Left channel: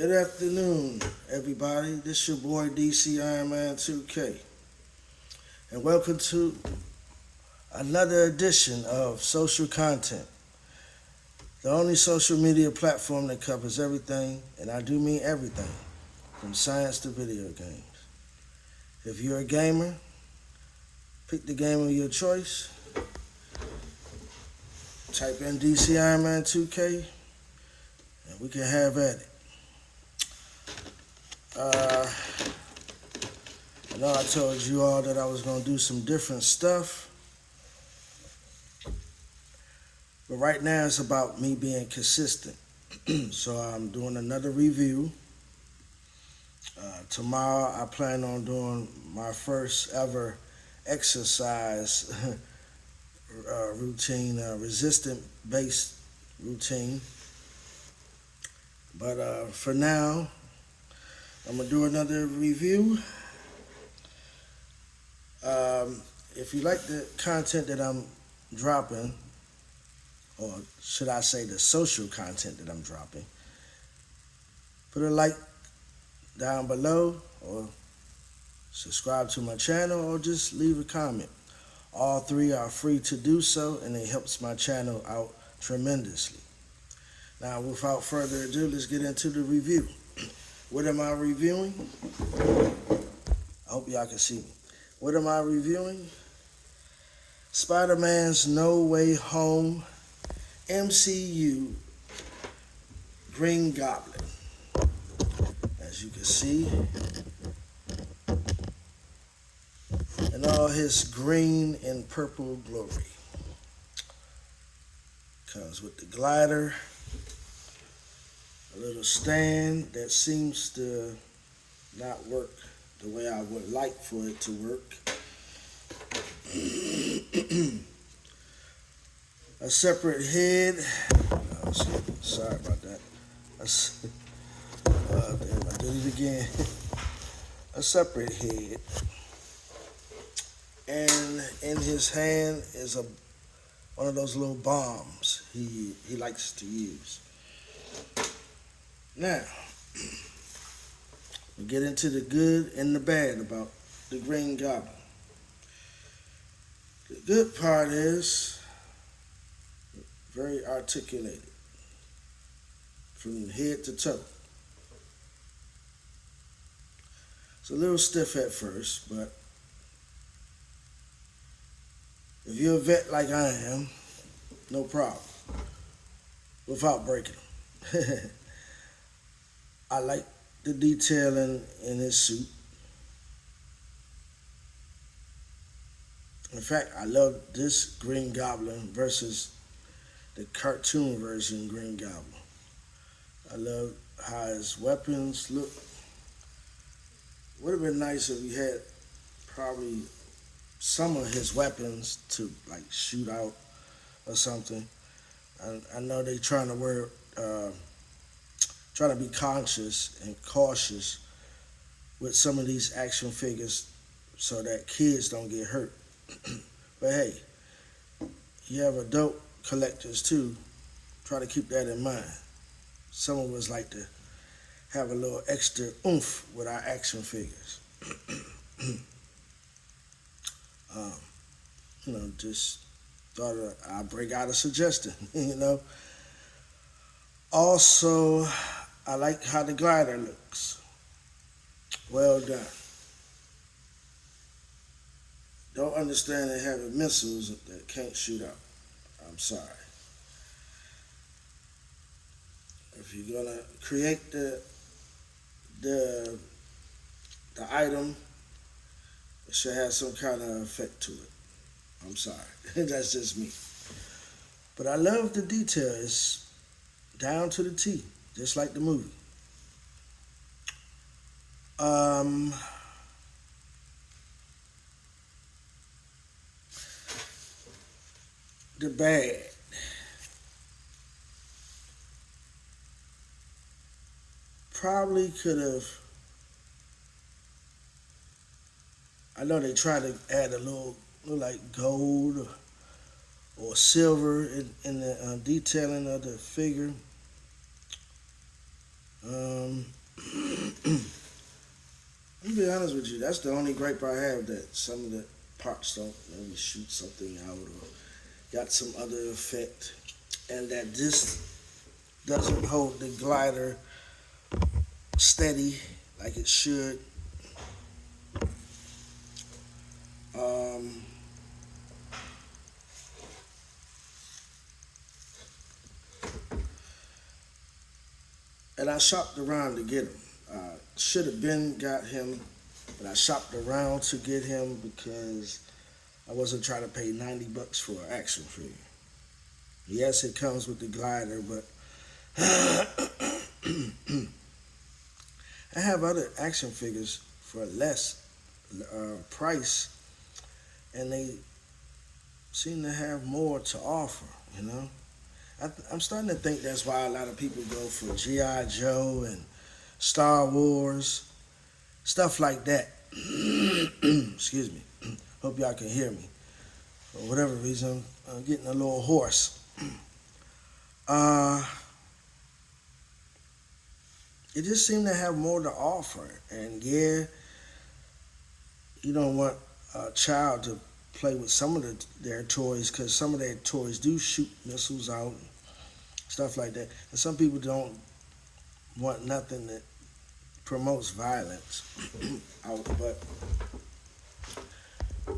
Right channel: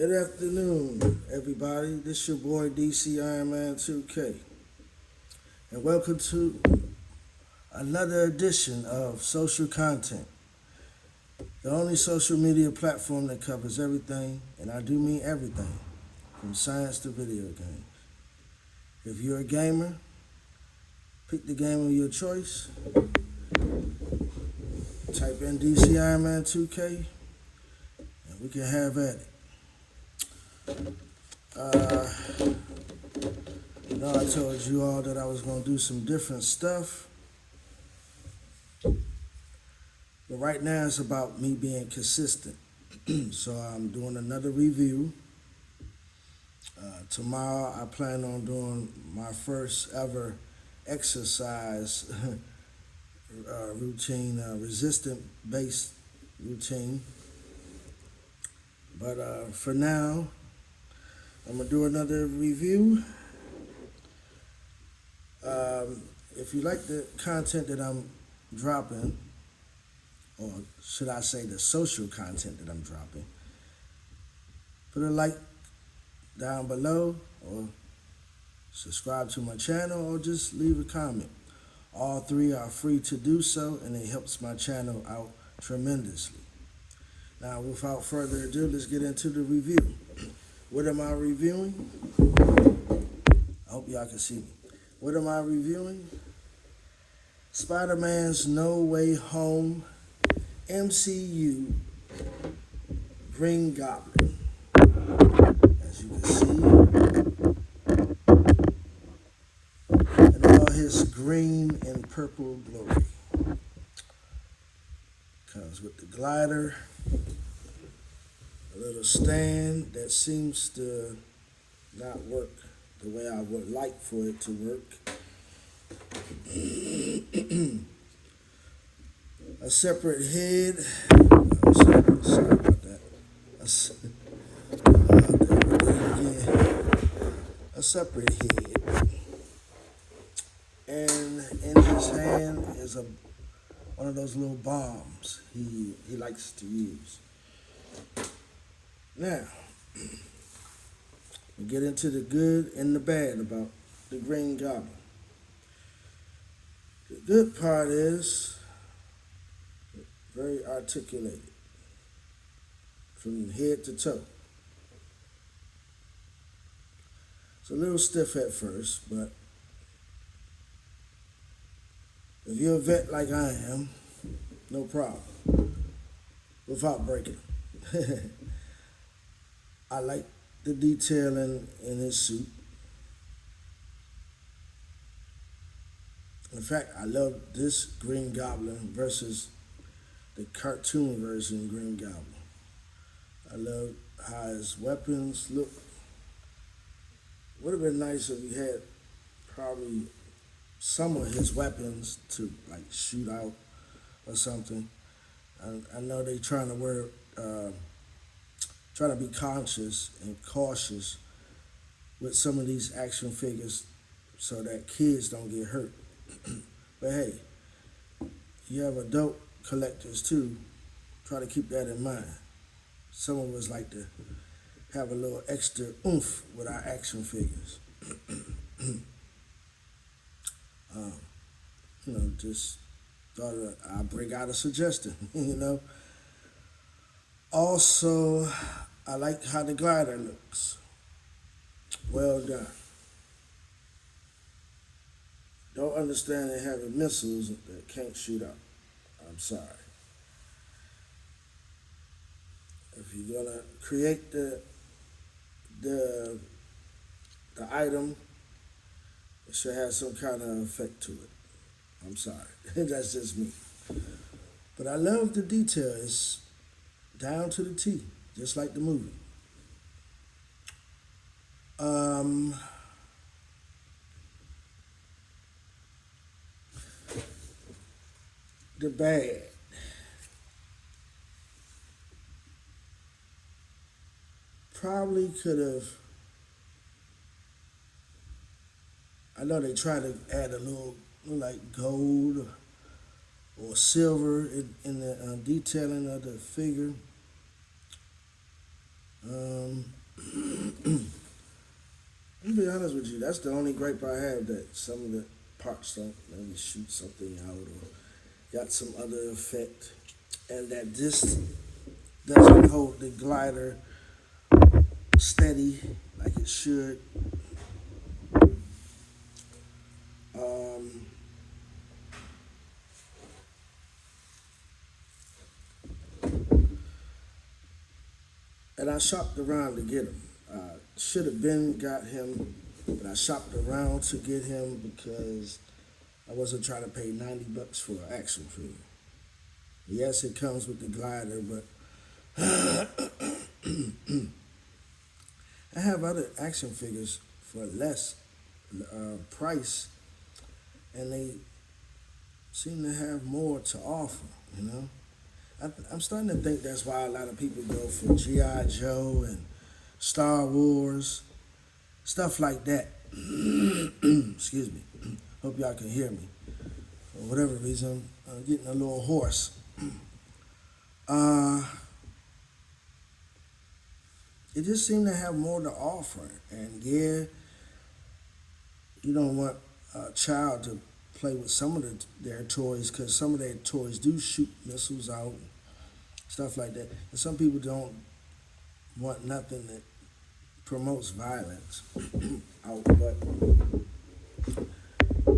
Good afternoon, everybody. This your boy DC Iron Man 2K, and welcome to another edition of Social Content, the only social media platform that covers everything, and I do mean everything, from science to video games. If you're a gamer, pick the game of your choice, type in DC Iron Man 2K, and we can have at it. I told you all that I was going to do some different stuff. But right now it's about me being consistent. So I'm doing another review. Tomorrow I plan on doing my first ever exercise routine, resistant-based routine. But for now, I'm going to do another review. If you like the content that I'm dropping, or should I say the social content that I'm dropping, put a like down below, or subscribe to my channel, or just leave a comment. All three are free to do so, and it helps my channel out tremendously. Now, without further ado, let's get into the review. What am I reviewing? I hope y'all can see me. What am I reviewing? Spider-Man's No Way Home MCU Green Goblin. As you can see, in all his green and purple glory. Comes with the glider, a little stand that seems to not work the way I would like for it to work. A separate head. Oh, sorry about that. A separate head. And in his hand is one of those little bombs he likes to use. Now, we get into the good and the bad about the Green Goblin. The good part is very articulated from head to toe. It's a little stiff at first, but if you're a vet like I am, no problem, without breaking them. I like the detailing in his suit. In fact, I love this Green Goblin versus the cartoon version Green Goblin. I love how his weapons look. Would have been nice if we had probably some of his weapons to like shoot out or something. I know they trying to be conscious and cautious with some of these action figures so that kids don't get hurt. But hey, you have adult collectors too. Try to keep that in mind. Some of us like to have a little extra oomph with our action figures. Just thought I'd bring out a suggestion, Also, I like how the glider looks. Well done. Don't understand it having missiles that can't shoot out. I'm sorry. If you're gonna create the item, it should have some kind of effect to it. I'm sorry. That's just me. But I love the detail. It's down to the T, just like the movie. The bad. Probably could have. I know they try to add a little like gold or silver in the detailing of the figure. That's the only gripe I have, that some of the parts don't maybe shoot something out or got some other effect, and that this doesn't hold the glider steady like it should. Um, and I shopped around to get him. Should have been got him, but I shopped around to get him because I wasn't trying to pay $90 for an action figure. Yes, it comes with the glider, but I have other action figures for less price, and they seem to have more to offer. You know, I'm starting to think that's why a lot of people go for GI Joe and Star Wars, stuff like that. Excuse me. Hope y'all can hear me. For whatever reason, I'm getting a little hoarse. Uh, it just seemed to have more to offer. And yeah, you don't want a child to play with some of their toys, because some of their toys do shoot missiles out, stuff like that. And some people don't want nothing that promotes violence out. But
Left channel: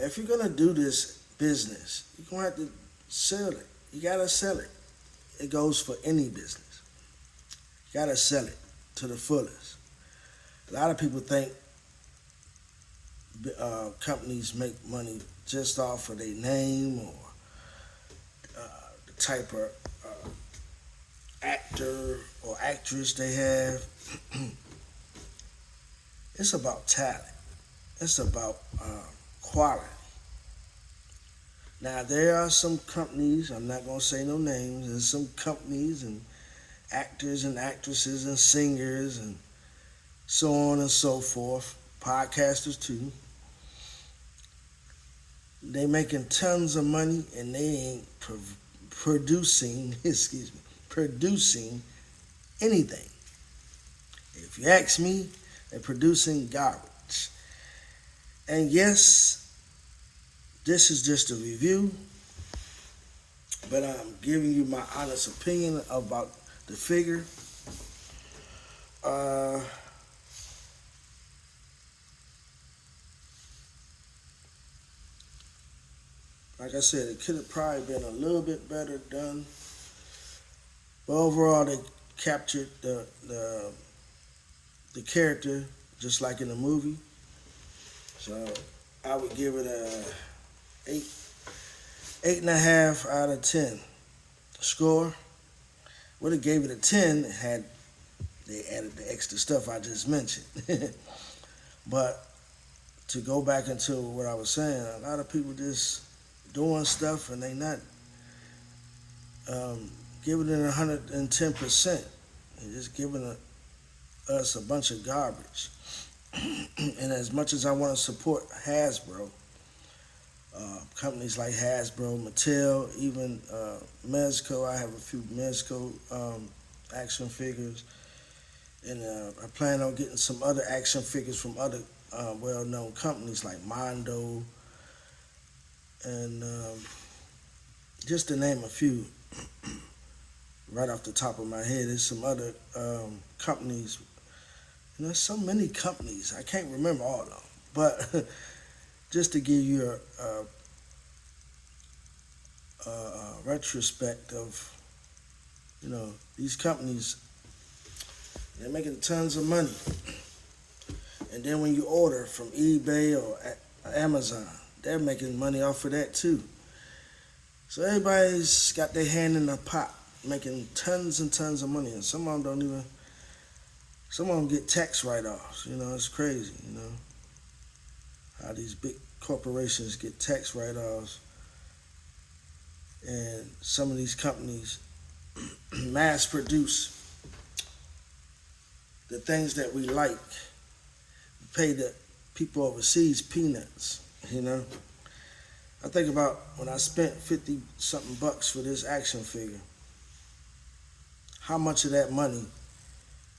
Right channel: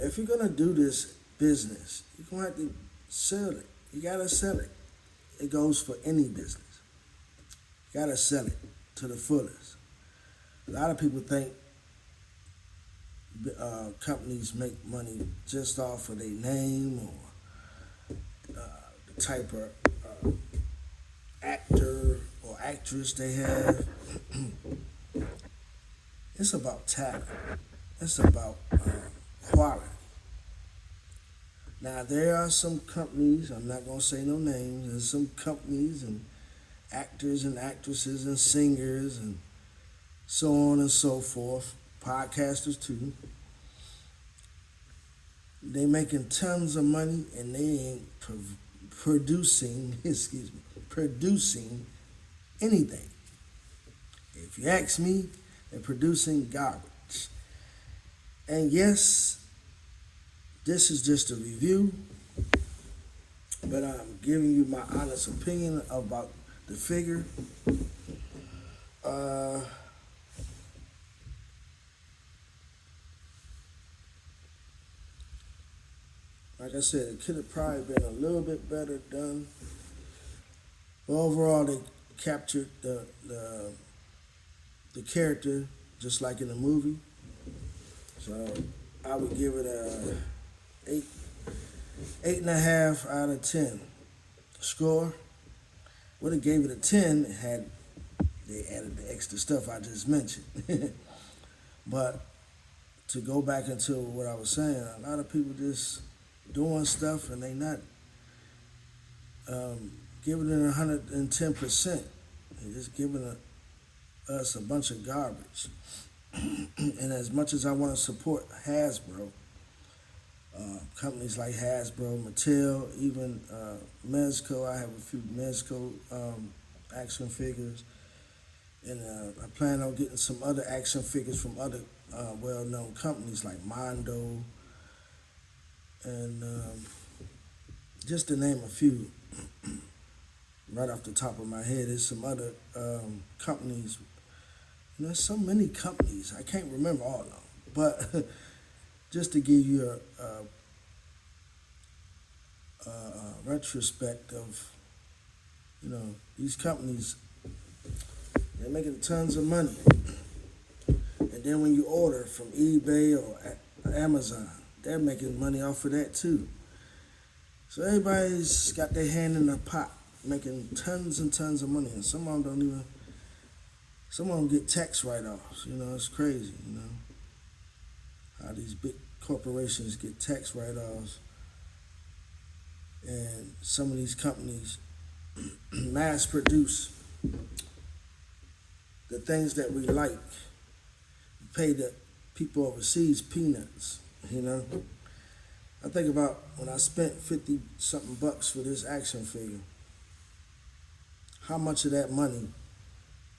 if you're gonna do this business, you're gonna have to sell it. You gotta sell it. It goes for any business. You gotta sell it to the fullest. A lot of people think companies make money just off of their name or the type of actor or actress they have. It's about talent. It's about quality. Now, there are some companies, I'm not going to say no names, there's some companies and actors and actresses and singers and so on and so forth, podcasters too. They making tons of money and they ain't producing, producing anything. If you ask me, they're producing garbage. And yes, this is just a review, but I'm giving you my honest opinion about the figure. Like I said, it could have probably been a little bit better done. But overall, they captured the character just like in the movie. So I would give it a 8.5 out of 10. Score. Would have gave it a 10 had they added the extra stuff I just mentioned. But to go back into what I was saying, a lot of people just doing stuff and they not giving it 110%. They're just giving us a bunch of garbage. And as much as I want to support Hasbro, companies like Hasbro, Mattel, even Mezco, I have a few Mezco action figures, and I plan on getting some other action figures from other well-known companies like Mondo, and just to name a few right off the top of my head. There's some other companies. And there's so many companies, I can't remember all of them. But just to give you a retrospect of, these companies, they're making tons of money. And then when you order from eBay or Amazon, they're making money off of that too. So everybody's got their hand in the pot, making tons and tons of money. And some of them get tax write-offs. It's crazy, how these big corporations get tax write-offs. And some of these companies mass produce the things that we like, pay the people overseas peanuts, I think about when I spent 50 something bucks for this action figure, how much of that money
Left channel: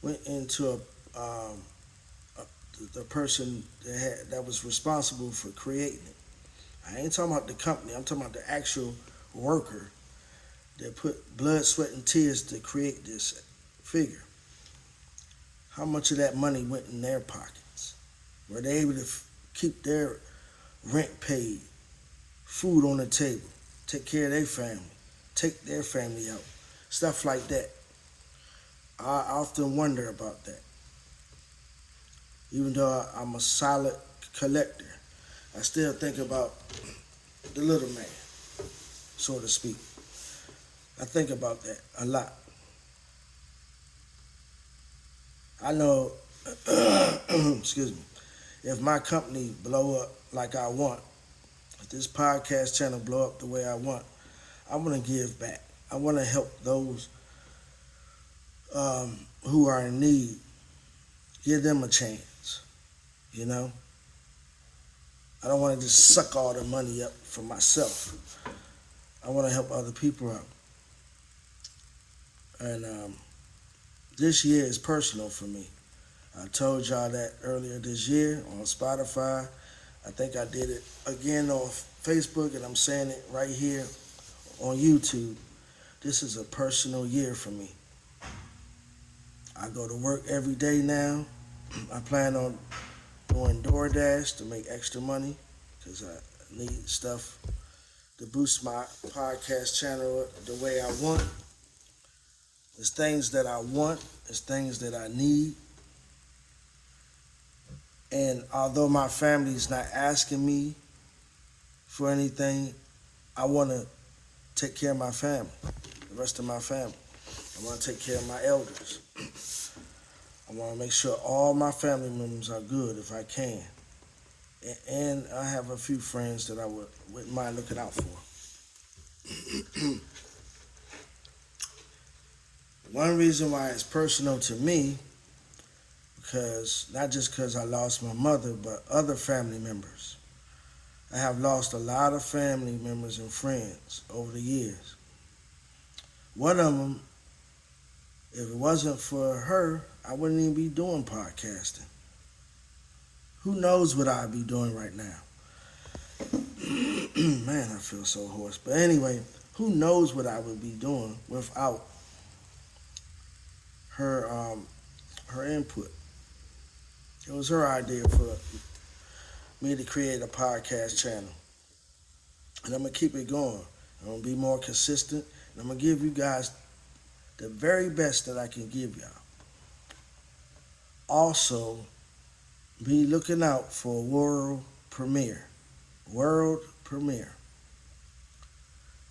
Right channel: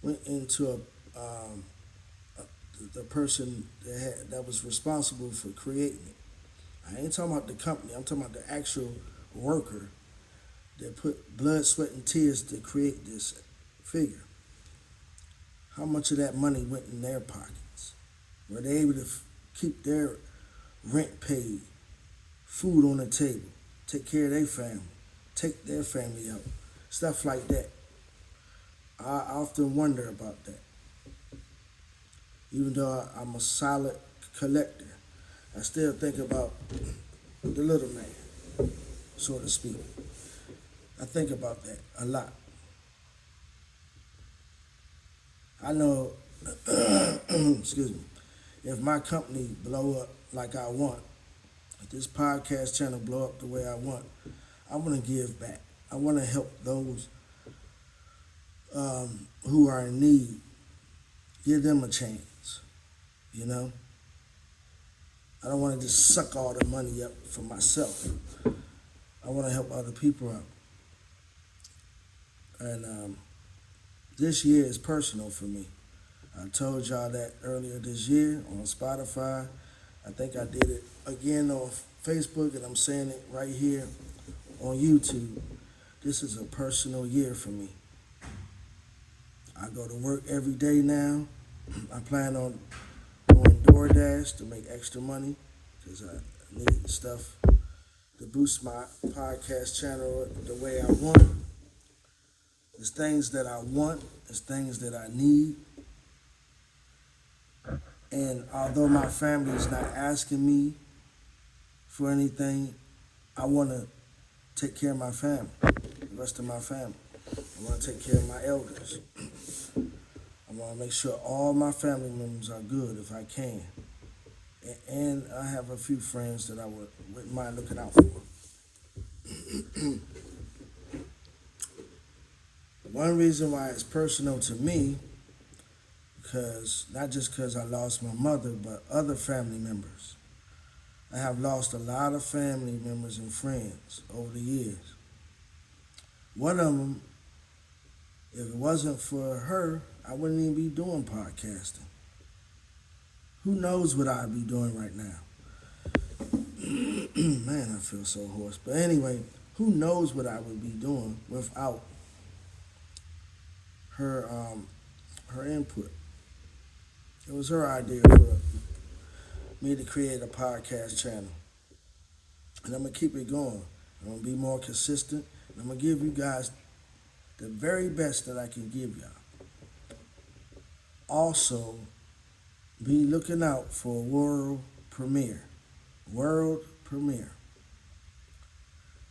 went into the the person that was responsible for creating it. I ain't talking about the company. I'm talking about the actual worker that put blood, sweat, and tears to create this figure. How much of that money went in their pockets? Were they able to keep their rent paid, food on the table, take care of their family, take their family out, stuff like that? I often wonder about that. Even though I'm a solid collector, I still think about the little man, so to speak. I think about that a lot. I know, excuse me, if my company blow up like I want, if this podcast channel blow up the way I want, I want to give back. I want to help those who are in need, give them a chance, you know? I don't want to just suck all the money up for myself. I want to help other people out. And this year is personal for me. I told y'all that earlier this year on Spotify. I think I did it again on Facebook, and I'm saying it right here on YouTube. This is a personal year for me. I go to work every day now. I plan on doing DoorDash to make extra money because I need stuff to boost my podcast channel the way I want. It's things that I want. It's things that I need. And although my family is not asking me for anything, I want to take care of my family, the rest of my family. I want to take care of my elders. I want to make sure all my family members are good if I can. And I have a few friends that I wouldn't mind looking out for. One reason why it's personal to me, because not just because I lost my mother, but other family members. I have lost a lot of family members and friends over the years. One of them, if it wasn't for her, I wouldn't even be doing podcasting. Who knows what I'd be doing right now? Man, I feel so hoarse. But anyway, who knows what I would be doing without her input. It was her idea for me to create a podcast channel. And I'm going to keep it going. I'm going to be more consistent. And I'm going to give you guys the very best that I can give y'all. Also, be looking out for a world premiere. World premiere.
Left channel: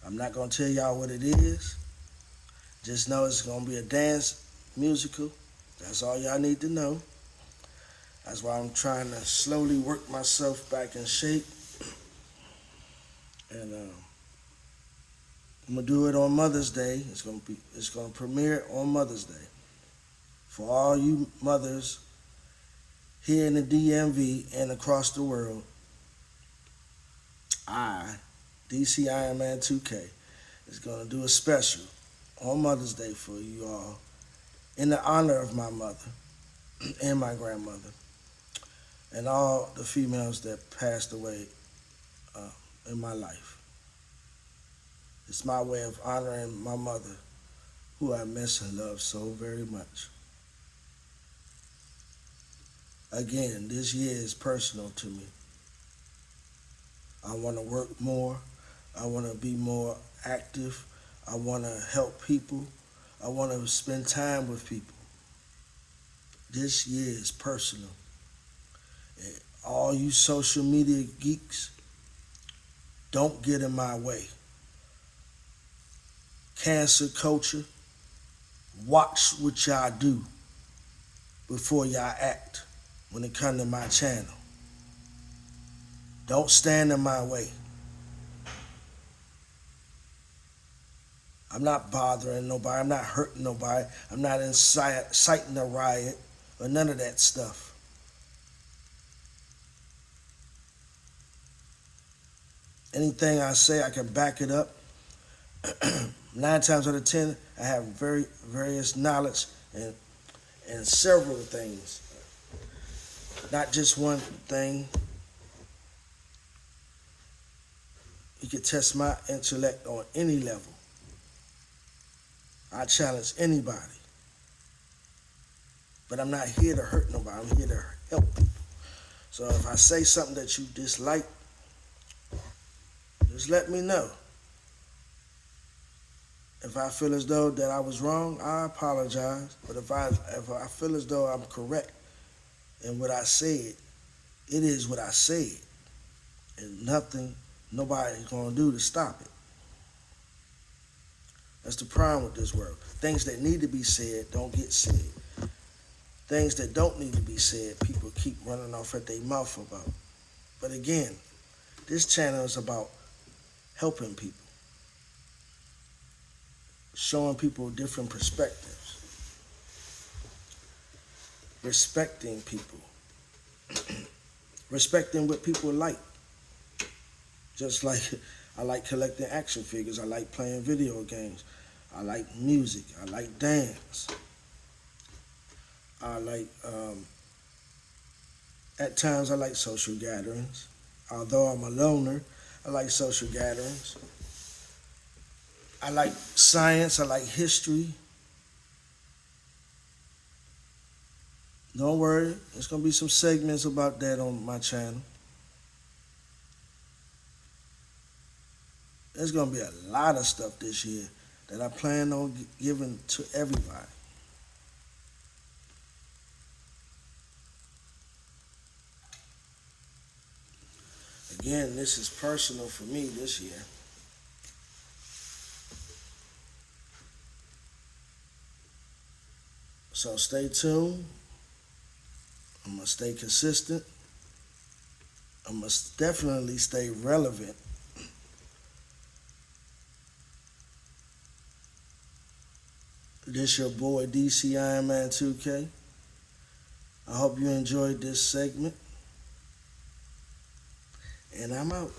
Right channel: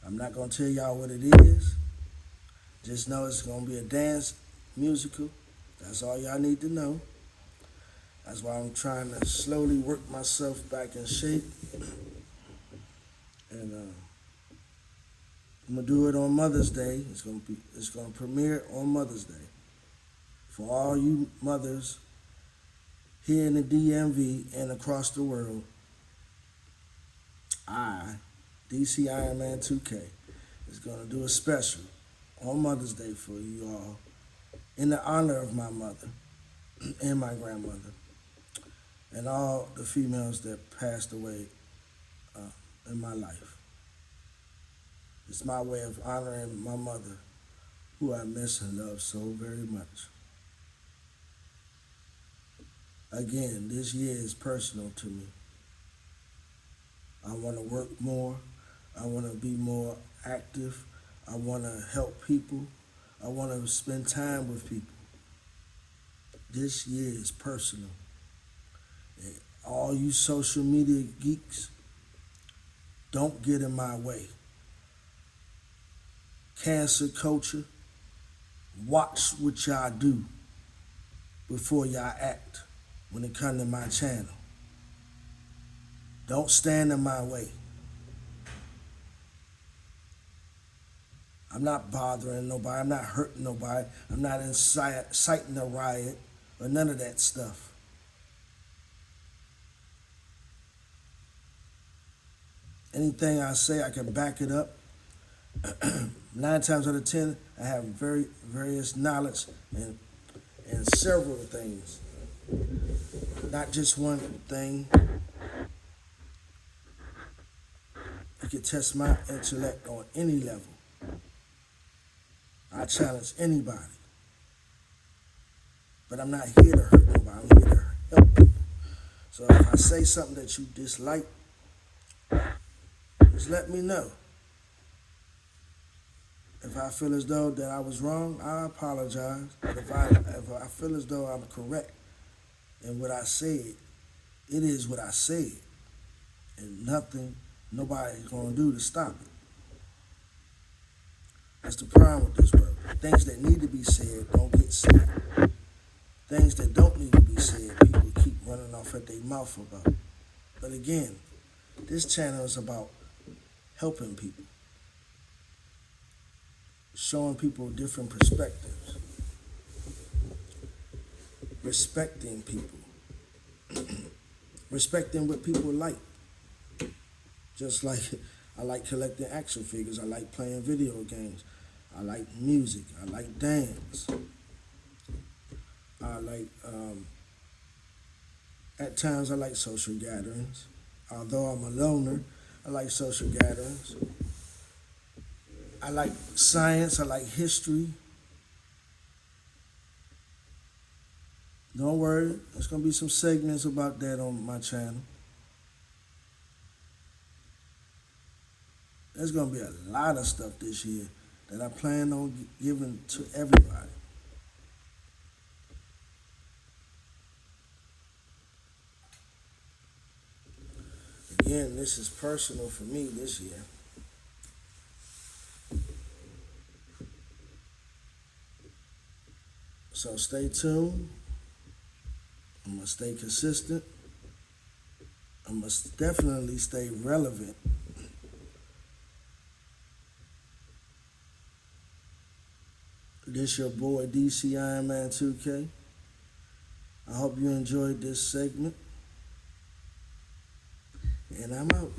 I'm not going to tell y'all what it is. Just know it's going to be a dance musical. That's all y'all need to know. That's why I'm trying to slowly work myself back in shape. And I'm gonna do it on Mother's Day. It's gonna premiere on Mother's Day. For all you mothers here in the DMV and across the world, DC Iron Man 2K, is gonna do a special on Mother's Day for you all in the honor of my mother and my grandmother and all the females that passed away in my life. It's my way of honoring my mother, who I miss and love so very much. Again, this year is personal to me. I want to work more. I want to be more active. I want to help people. I want to spend time with people. This year is personal. And all you social media geeks, don't get in my way. Cancer culture, watch what y'all do before y'all act when it comes to my channel. Don't stand in my way. I'm not bothering nobody. I'm not hurting nobody. I'm not inciting a riot or none of that stuff. Anything I say, I can back it up. 9 times out of 10, I have various knowledge and several things not just one thing. You can test my intellect on any level. I challenge anybody. But I'm not here to hurt nobody. I'm here to help people. So if I say something that you dislike, just let me know. If I feel as though that I was wrong, I apologize. But if I feel as though I'm correct in what I said, it is what I said. And nobody's gonna do to stop it. That's the problem with this world. Things that need to be said don't get said. Things that don't need to be said, people keep running off at their mouth about. But again, this channel is about helping people, showing people different perspectives, respecting people, respecting what people like. Just like I like collecting action figures, I like playing video games, I like music, I like dance. I like, at times I like social gatherings. Although I'm a loner, I like social gatherings. I like science, I like history. Don't worry, there's gonna be some segments about that on my channel. There's gonna be a lot of stuff this year that I plan on giving to everybody. Again, this is personal for me this year. So stay tuned. I'm going to stay consistent. I must definitely stay relevant. This your boy DC Iron Man 2K. I hope you enjoyed this segment. And I'm out.